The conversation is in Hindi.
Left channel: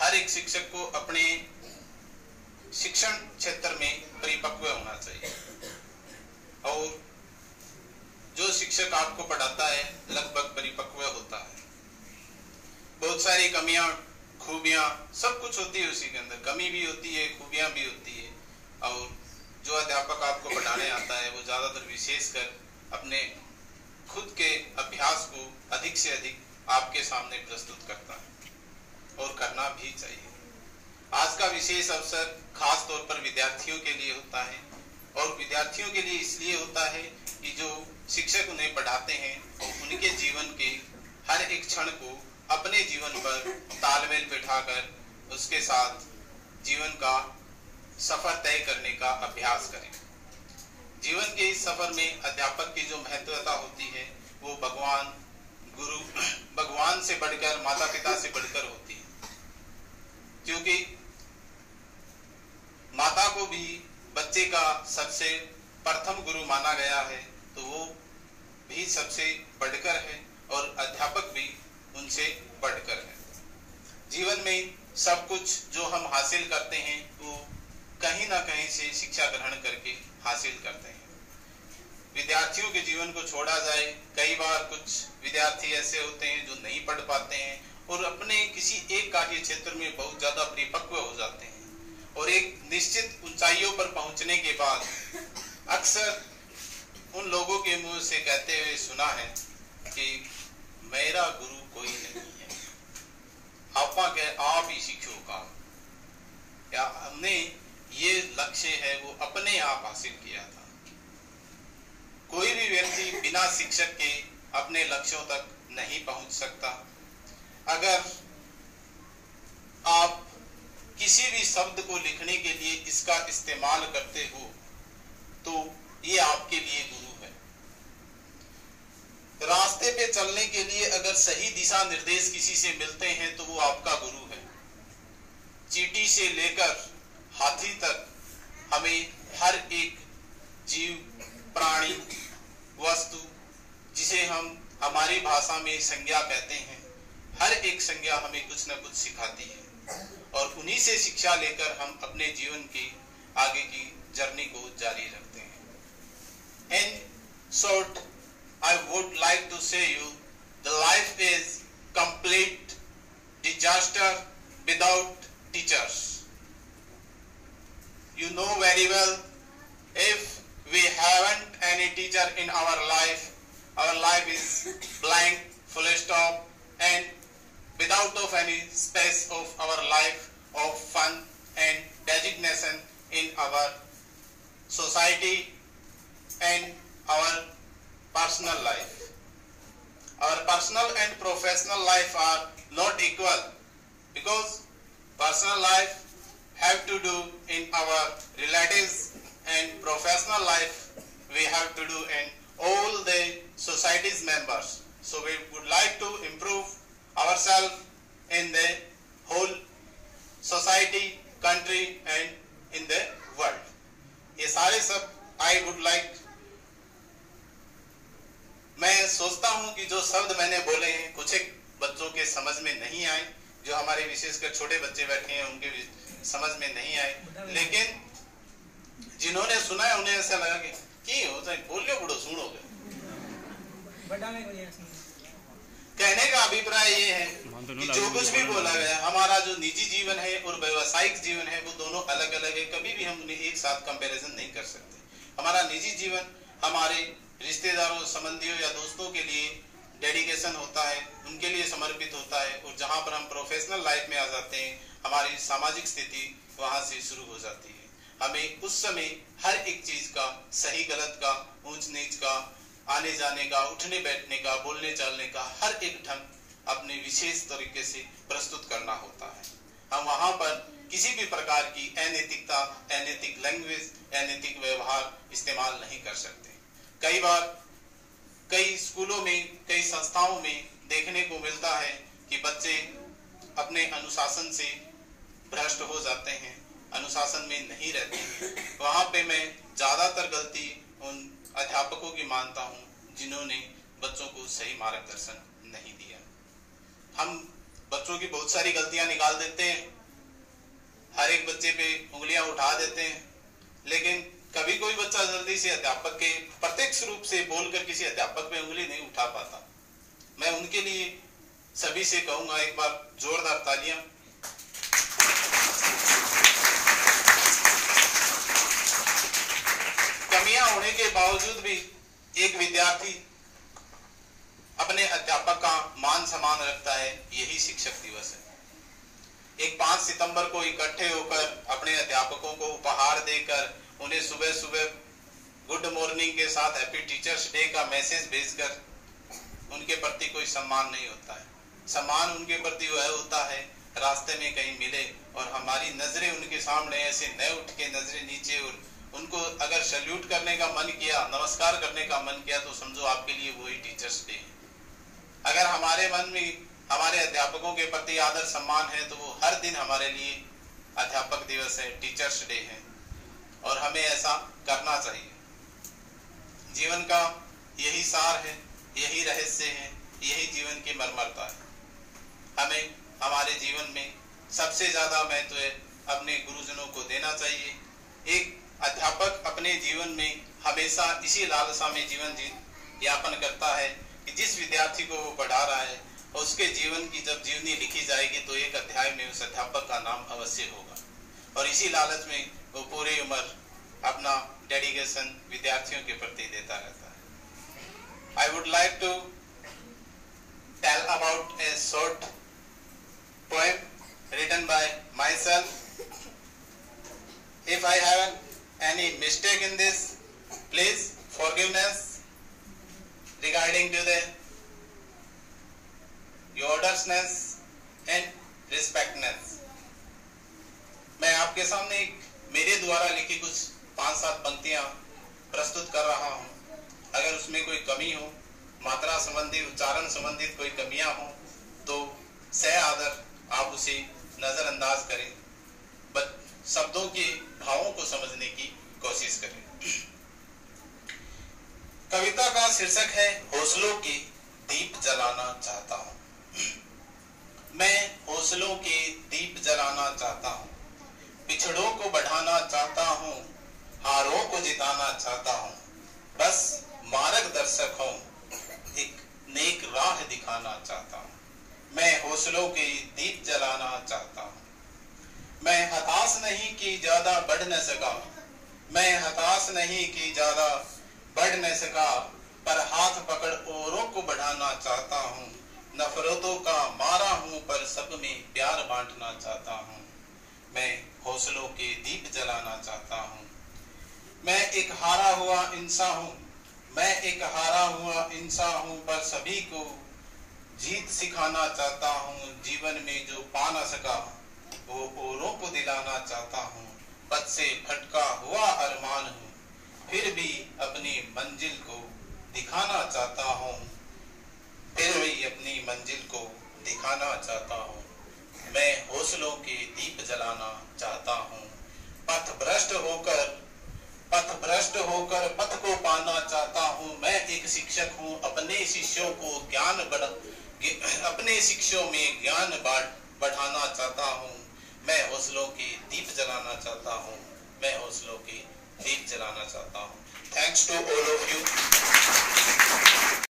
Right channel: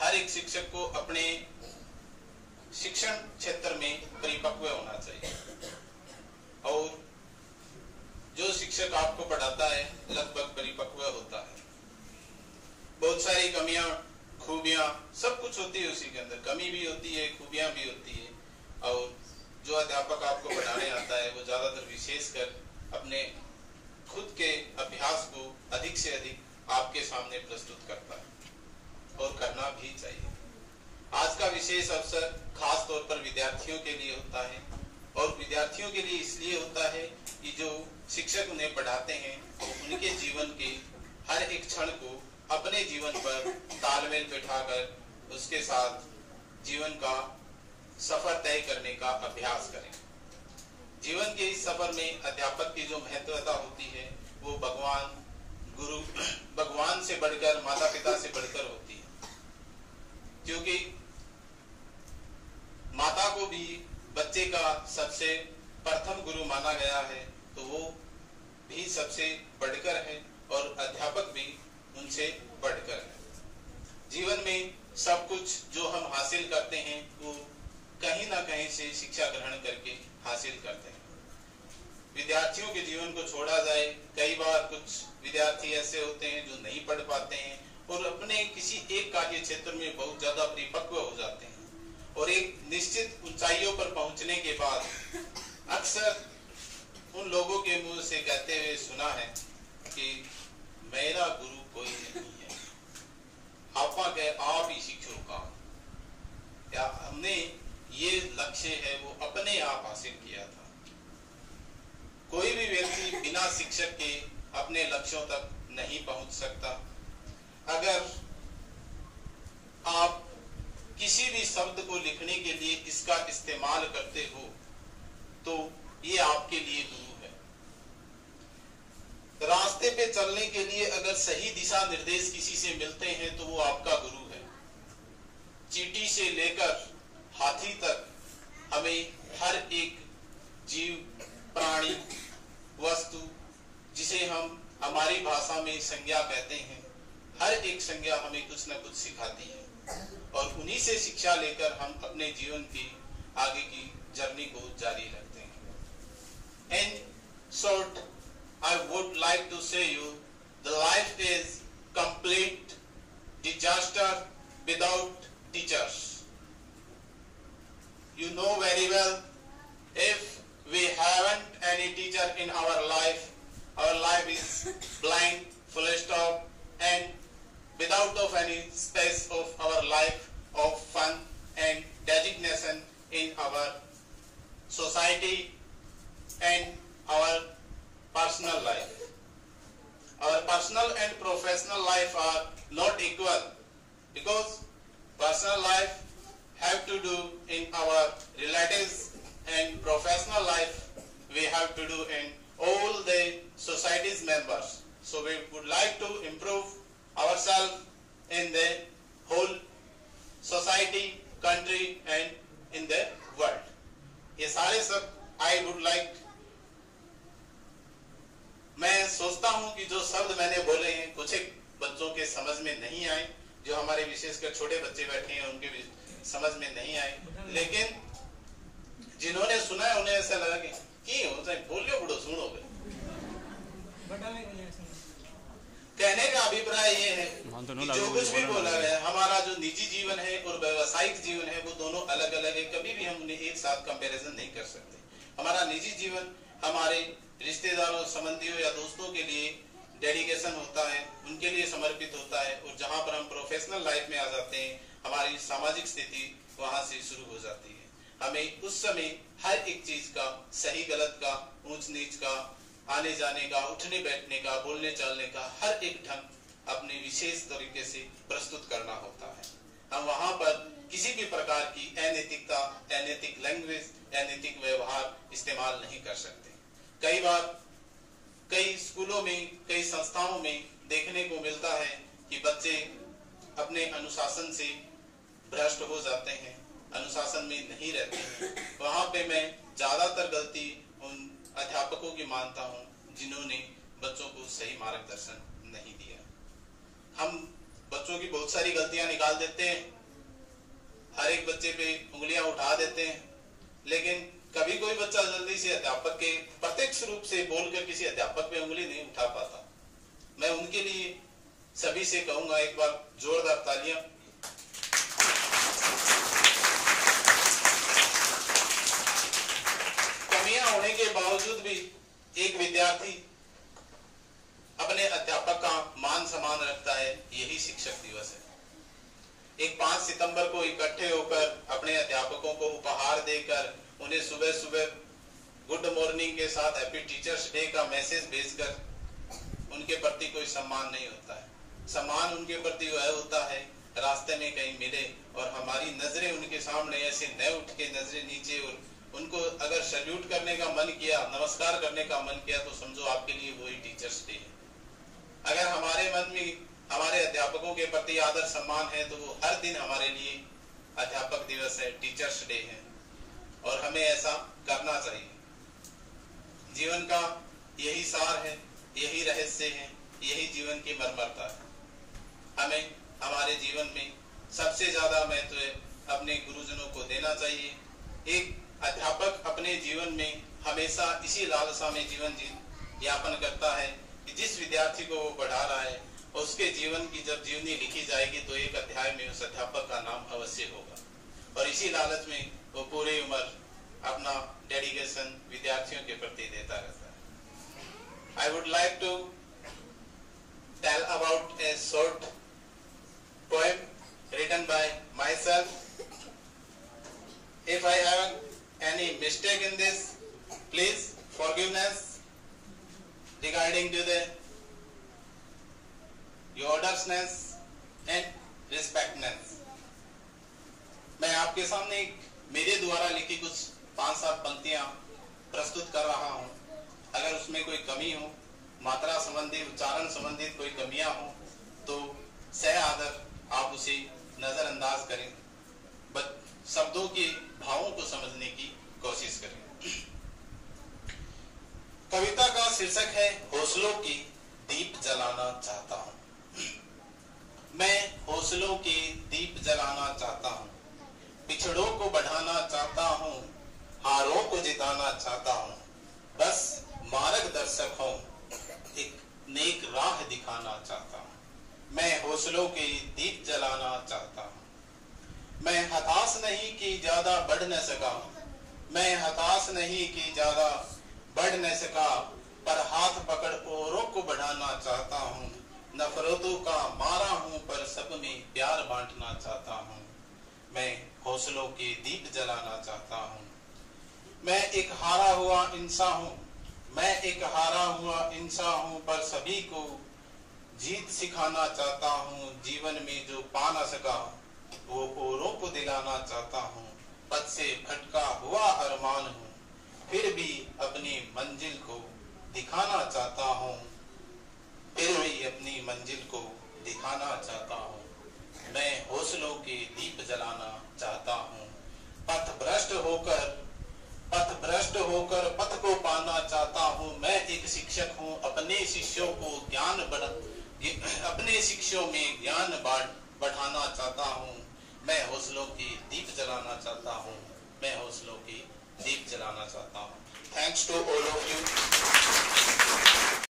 हर एक शिक्षक को अपने शिक्षण क्षेत्र में परिपक्व होना चाहिए। और जो शिक्षक आपको पढ़ाता है लगभग परिपक्व होता है। बहुत सारी कमियां खूबियां सब कुछ होती है उसी के अंदर, कमी भी होती है, खूबियां भी होती है। और जो अध्यापक आपको पढ़ाने आता है वो ज्यादातर विशेषकर अपने खुद के अभ्यास को अधिक से अधिक आपके सामने प्रस्तुत करता है और करना भी चाहिए। आज का विशेष अवसर खास तौर पर विद्यार्थियों के लिए होता है, और विद्यार्थियों के लिए इसलिए होता है कि जो शिक्षक उन्हें पढ़ाते हैं उनके जीवन के हर एक क्षण को अपने जीवन पर तालमेल बिठाकर उसके साथ जीवन का सफर तय करने का अभ्यास करें। जीवन के इस सफर में अध्यापक की जो महत्वता होती है वो भगवान से बढ़कर, माता पिता से बढ़कर होती है। क्योंकि माता को भी बच्चे का सबसे प्रथम गुरु माना गया है, तो वो भी सबसे बढ़कर है और अध्यापक भी उनसे बढ़कर है। जीवन में सब कुछ जो हम हासिल करते हैं वो कहीं ना कहीं से शिक्षा ग्रहण करके हासिल करते हैं। विद्यार्थियों के जीवन को छोड़ा जाए, कई बार कुछ विद्यार्थी ऐसे होते हैं जो नहीं पढ़ पाते हैं और अपने किसी एक कार्य क्षेत्र में बहुत ज्यादा परिपक्व हो जाते हैं, और एक निश्चित ऊंचाइयों पर पहुंचने के बाद अक्सर उन लोगों के मुंह से कहते हुए सुना है कि मेरा गुरु कोई नहीं है, आपा के आप ही शिक्षो का, या हमने ये लक्ष्य है वो अपने आप हासिल किया था। कोई भी व्यक्ति बिना शिक्षक के अपने लक्ष्यों तक नहीं पहुंच सकता। अगर आप किसी भी शब्द को लिखने के लिए इसका इस्तेमाल करते हो तो ये आपके लिए गुरु है। रास्ते पे चलने के लिए अगर सही दिशा निर्देश किसी से मिलते हैं तो वो आपका गुरु है। चींटी से लेकर हाथी तक हमें हर एक जीव, प्राणी, वस्तु जिसे हम हमारी भाषा में संज्ञा कहते हैं, हर एक संज्ञा हमें कुछ न कुछ सिखाती है, और उन्हीं से शिक्षा लेकर हम अपने जीवन की आगे की जर्नी को जारी रखते हैं। In short, I would like to say you, the life is complete disaster without teachers. You know very well, if we haven't any teacher in our life is blank, full stop, and without of any space of our life of fun and designation in our society and our personal life. Our personal and professional life are not equal, because personal life have to do in our relatives and professional life we have to do in all the society's members. So we would like to improve ourselves in the whole society, country and in the world. ये सारे सब I would like, मैं सोचता हूं कि जो शब्द मैंने बोले हैं कुछ एक बच्चों के समझ में नहीं आए, जो हमारे विशेषकर छोटे बच्चे बैठे हैं उनके समझ में नहीं आए, लेकिन जिन्होंने सुना है उन्हें ऐसा लगा कि होता है बोलियो बुढ़ो सुनोगे। कहने का अभिप्राय ये है कि जो कुछ भी बोला गया, हमारा जो निजी जीवन है और व्यवसायिक जीवन है वो दोनों अलग अलग है, कभी भी हम उन्हें एक साथ कंपैरिजन नहीं कर सकते। हमारा निजी जीवन हमारे रिश्तेदारों, संबंधियों या दोस्तों के लिए डेडिकेशन होता है, उनके लिए समर्पित होता है, और जहां पर हम प्रोफेशनल लाइफ में आ जाते हैं हमारी सामाजिक स्थिति वहां से शुरू हो जाती है। हमें उस समय हर एक चीज का, सही गलत का, ऊंच नीच का, आने जाने का, उठने बैठने का, बोलने चालने का हर एक ढंग अपने विशेष तरीके से प्रस्तुत करना होता है। हम वहां पर किसी भी प्रकार की अनैतिकता, अनैतिक लैंग्वेज, अनैतिक व्यवहार इस्तेमाल नहीं कर सकते। कई बार कई स्कूलों में, कई संस्थाओं में देखने को मिलता है कि बच्चे अपने अनुशासन से भ्रष्ट हो जाते हैं, अनुशासन में नहीं रहते हैं। वहां पे मैं ज्यादातर गलती उन अध्यापकों की मानता हूं जिन्होंने बच्चों को सही मार्गदर्शन नहीं दिया। हम बच्चों की बहुत सारी गलतियां निकाल देते हैं, हर एक बच्चे पे उंगलियां उठा देते हैं, लेकिन कभी कोई बच्चा जल्दी से अध्यापक के प्रत्यक्ष रूप से बोलकर किसी अध्यापक पे उंगली नहीं उठा पाता। मैं उनके लिए सभी से कहूंगा, एक बार जोरदार तालियां। कमियां होने के बावजूद भी एक विद्यार्थी अपने अध्यापक का मान सम्मान रखता है, यही शिक्षक दिवस है। एक 5 सितंबर को इकट्ठे होकर अपने अध्यापकों को उपहार देकर उन्हें सुबह सुबह गुड मॉर्निंग के साथ हैप्पी टीचर्स डे का मैसेज भेजकर उनके प्रति कोई सम्मान नहीं होता है। सम्मान उनके प्रति वह होता है रास्ते में कहीं मिले और हमारी नजरें उनके सामने ऐसे न उठ के नजरें नीचे, और उनको अगर सैल्यूट करने का मन किया, नमस्कार करने का मन किया, तो समझो आपके लिए वही टीचर्स डे है। अगर हमारे मन में हमारे अध्यापकों के प्रति आदर सम्मान है तो वो हर दिन हमारे लिए अध्यापक दिवस है, टीचर्स डे है, और हमें ऐसा करना चाहिए। जीवन का यही सार है, यही रहस्य है, यही जीवन की मर्मरता है। हमें हमारे जीवन में सबसे ज्यादा महत्व अपने गुरुजनों को देना चाहिए। एक अध्यापक अपने जीवन में हमेशा इसी लालसा में जीवन यापन करता है कि जिस विद्यार्थी को वो पढ़ा रहा है उसके जीवन की जब जीवनी लिखी जाएगी तो एक अध्याय में उस अध्यापक का नाम अवश्य होगा, और इसी लालच में वो पूरी उम्र अपना डेडिकेशन विद्यार्थियों के प्रति देता रहता है। I would like to tell about a short poem written by myself. If I have any mistake in this, please forgiveness regarding to the yodersness and respectness. मैं आपके सामने एक मेरे द्वारा लिखी कुछ 5-7 पंक्तियां प्रस्तुत कर रहा हूं। अगर उसमें कोई कमी हो, मात्रा संबंधी, उच्चारण संबंधित कोई कमियां हो, तो सह आदर आप उसे नजरअंदाज करें, शब्दों के भावों को समझने की कोशिश करें। कविता का शीर्षक है हौसलों के दीप जलाना चाहता हूं। मैं हौसलों के दीप जलाना चाहता हूं, पिछड़ों को बढ़ाना चाहता हूं, हारों को जिताना चाहता हूं, बस मार्गदर्शक हूं, एक नेक राह दिखाना चाहता हूं। मैं हौसलों के दीप जलाना चाहता हूं। मैं हताश नहीं कि ज्यादा बढ़ न सका, मैं हताश नहीं कि ज्यादा बढ़ न सका, पर हाथ पकड़ औरों को बढ़ाना चाहता हूं। नफरतों का मारा हूं पर सब में प्यार बांटना चाहता हूं। मैं हौसलों के दीप जलाना चाहता हूं। मैं एक हारा हुआ इंसान हूं, मैं एक हारा हुआ इंसान हूं, पर सभी को जीत सिखाना चाहता हूं। जीवन में जो पा न सका वो औरों को दिलाना चाहता हूं। पद से भटका हुआ अरमान हूं, फिर भी अपनी मंजिल को दिखाना चाहता हूं, फिर भी अपनी मंजिल को दिखाना चाहता हूं। मैं हौसलों के दीप जलाना चाहता हूं। पथ भ्रष्ट होकर पथ को पाना चाहता हूं। मैं एक शिक्षक हूं, अपने शिष्यों को अपने शिष्यों में ज्ञान बढ़ाना चाहता हूं। मैं हौसलों के दीप जलाना चाहता हूं। मैं हौसलों के दीप जलाना चाहता हूं। Thanks to all of you.